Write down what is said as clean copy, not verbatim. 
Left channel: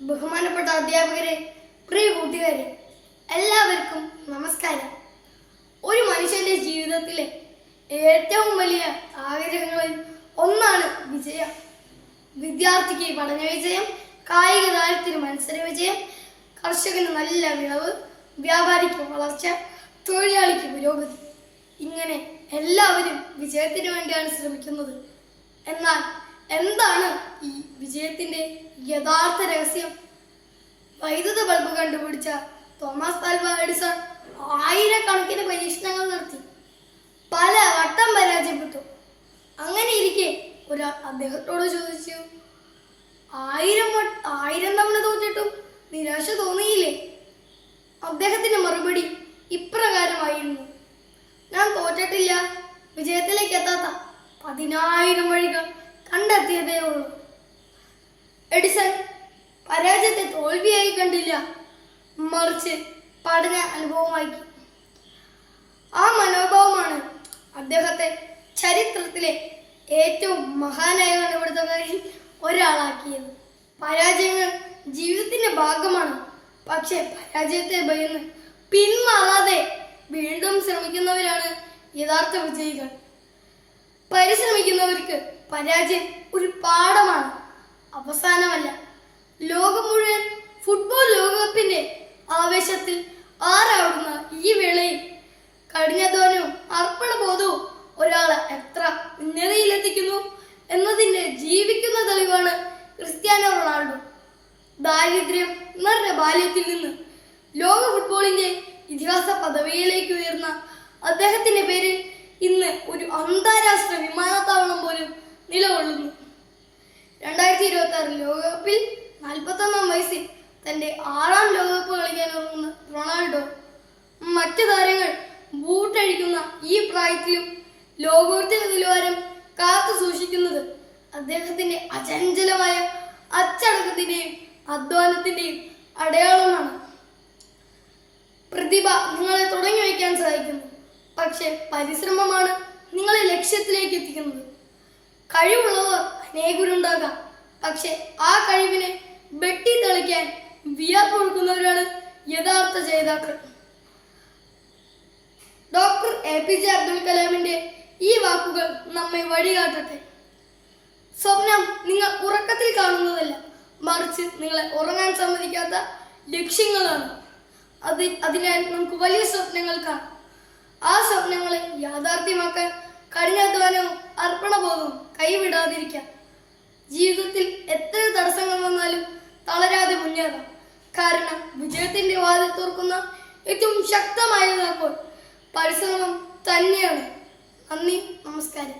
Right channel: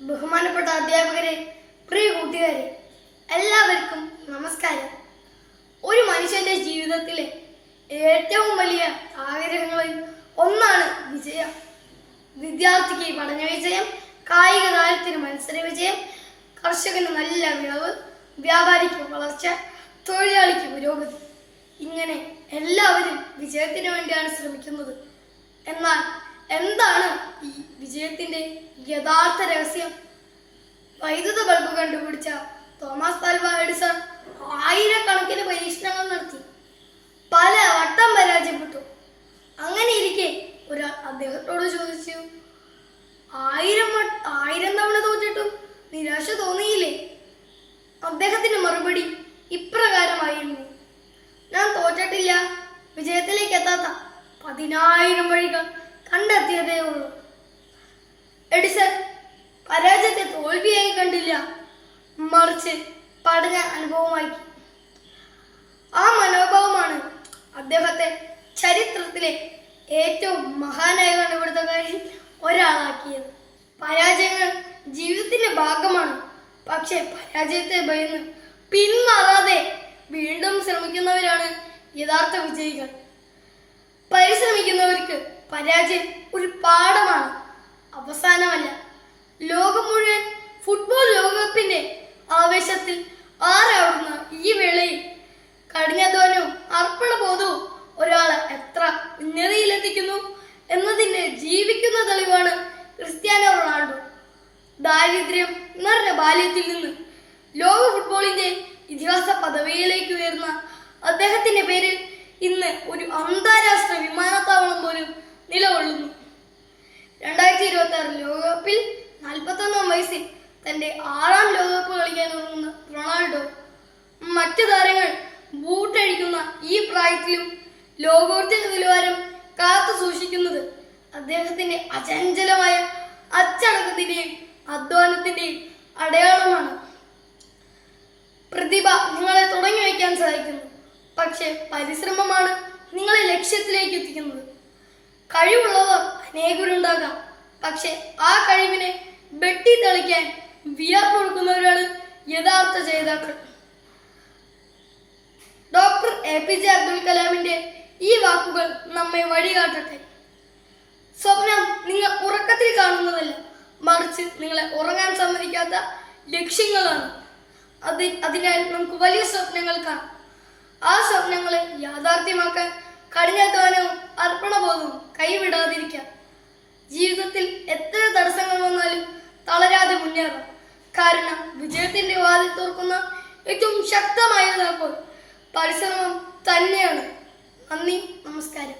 ബഹുമാനപ്പെട്ട അധ്യാപകരെ, പ്രിയ കൂട്ടുകാരെ, എല്ലാവർക്കും നമസ്കാരം. ഒരു മനുഷ്യന്റെ ജീവിതത്തിലെ ഏറ്റവും വലിയ ആഗ്രഹങ്ങളിൽ ഒന്നാണ് വിജയം. വിദ്യാർത്ഥിക്ക് പഠന വിജയം, കായിക താരത്തിന് മത്സര വിജയം, കർഷകന് നല്ല വിളവ്, വ്യാപാരിക്ക് വളർച്ച, തൊഴിലാളിക്ക് പുരോഗതി. ഇങ്ങനെ എല്ലാവരും വിജയത്തിന് വേണ്ടിയാണ് ശ്രമിക്കുന്നത്. എന്നാൽ എന്താണ് ഈ വിജയത്തിന്റെ യഥാർത്ഥ രഹസ്യം? വൈദ്യുത ബൾബ് കണ്ടുപിടിച്ച തോമസ് ആൽവാ എഡിസൺ ആയിരക്കണക്കിന് പരീക്ഷണങ്ങൾ നടത്തി. പല വട്ടം പരാജയപ്പെട്ടു. അങ്ങനെ ഇരിക്കെ ഒരാൾ അദ്ദേഹത്തോട് ചോദിച്ചു, ആയിരം തവണ തോറ്റിട്ടും നിരാശ തോന്നിയില്ലേ? അദ്ദേഹത്തിന്റെ മറുപടി ഇപ്രകാരമായിരുന്നു: ഞാൻ തോറ്റിട്ടില്ല, വിജയത്തിലേക്ക് എത്താത്ത 10,000 വഴികൾ കണ്ടെത്തിയതേ ഉള്ളൂ. എഡിസൺ പരാജയത്തെ തോൽവിയായി കണ്ടില്ല, മറിച്ച് പഠന അനുഭവമായി. ആ മനോഭാവമാണ് അദ്ദേഹത്തെ ചരിത്രത്തിലെ ഏറ്റവും മഹാനായ കണ്ടുപിടുത്തക്കാരിൽ ഒരാളാക്കിയത്. പരാജയങ്ങൾ ജീവിതത്തിന്റെ ഭാഗമാണ്. പക്ഷെ പരാജയത്തെ ഭയന്ന് പിന്മാറാതെ വീണ്ടും ശ്രമിക്കുന്നവരാണ് യഥാർത്ഥ വിജയികൾ. പരിശ്രമിക്കുന്നവർക്ക് പരാജയം ഒരു പാഠമാണ്, അവസാനമല്ല. ലോകം മുഴുവൻ ഫുട്ബോൾ ലോകകപ്പിന്റെ ആവേശത്തിൽ ആറാടുന്ന ഈ വേളയിൽ കഠിനാധ്വാനവും അർപ്പണബോധവും ഒരാളെ എത്ര ഉന്നതിയിലെത്തിക്കുന്നു എന്നതിന്റെ ജീവിക്കുന്ന തെളിവാണ് ക്രിസ്ത്യാനോ റൊണാൾഡോ. ദാരിദ്ര്യം നിറഞ്ഞ ബാല്യത്തിൽ നിന്ന് ലോക ഫുട്ബോളിന്റെ ഇതിഹാസ പദവിയിലേക്ക് ഉയർന്ന അദ്ദേഹത്തിന്റെ പേരിൽ ഇന്ന് ഒരു അന്താരാഷ്ട്ര വിമാനത്താവളം പോലും നിലകൊള്ളുന്നു. 2026 ലോകകപ്പിൽ 41 വയസ്സിൽ തന്റെ 6ാം ലോകകപ്പ് കളിക്കാൻ ഇറങ്ങുന്ന റൊണാൾഡോ മറ്റു താരങ്ങൾ ബൂട്ടഴിക്കുന്ന ഈ പ്രായത്തിലും ലോകോത്തര നിലവാരം കാത്തു സൂക്ഷിക്കുന്നത് അദ്ദേഹത്തിന്റെ അചഞ്ചലമായ അച്ചടക്കത്തിന്റെയും അധ്വാനത്തിന്റെയും അടയാളമാണ്. പ്രതിഭ നിങ്ങളെ തുടങ്ങി വയ്ക്കാൻ സഹായിക്കുന്നു, പക്ഷെ പരിശ്രമമാണ് നിങ്ങളെ ലക്ഷ്യത്തിലേക്ക് എത്തിക്കുന്നത്. കഴിവുള്ളവർ അനേകരുണ്ടാകാം, പക്ഷെ ആ കഴിവിനെ വെട്ടി തെളിക്കാൻ വിയർപ്പൊഴുക്കുന്നവരാണ് യഥാർത്ഥ ജേതാക്കൾ. ഡോക്ടർ APJ അബ്ദുൽ കലാമിന്റെ ഈ വാക്കുകൾ നമ്മെ വഴികാട്ടട്ടെ. സ്വപ്നം നിങ്ങൾ ഉറക്കത്തിൽ കാണുന്നതല്ല, മറിച്ച് നിങ്ങളെ ഉറങ്ങാൻ സമ്മതിക്കാത്ത ലക്ഷ്യങ്ങളാണ്. അതിനാൽ നമുക്ക് വലിയ സ്വപ്നങ്ങൾ കാണാം. ആ സ്വപ്നങ്ങളെ യാഥാർത്ഥ്യമാക്കാൻ കഠിനാധ്വാനവും അർപ്പണബോധവും കൈവിടാതിരിക്കാം. ജീവിതത്തിൽ എത്ര തടസ്സങ്ങൾ വന്നാലും തളരാതെ മുന്നേറാം. കാരണം വിജയത്തിന്റെ വാതിൽ തുറക്കുന്ന ഏറ്റവും ശക്തമായ താക്കോൽ പരിശ്രമം തന്നെയാണ്. നന്ദി, നമസ്കാരം.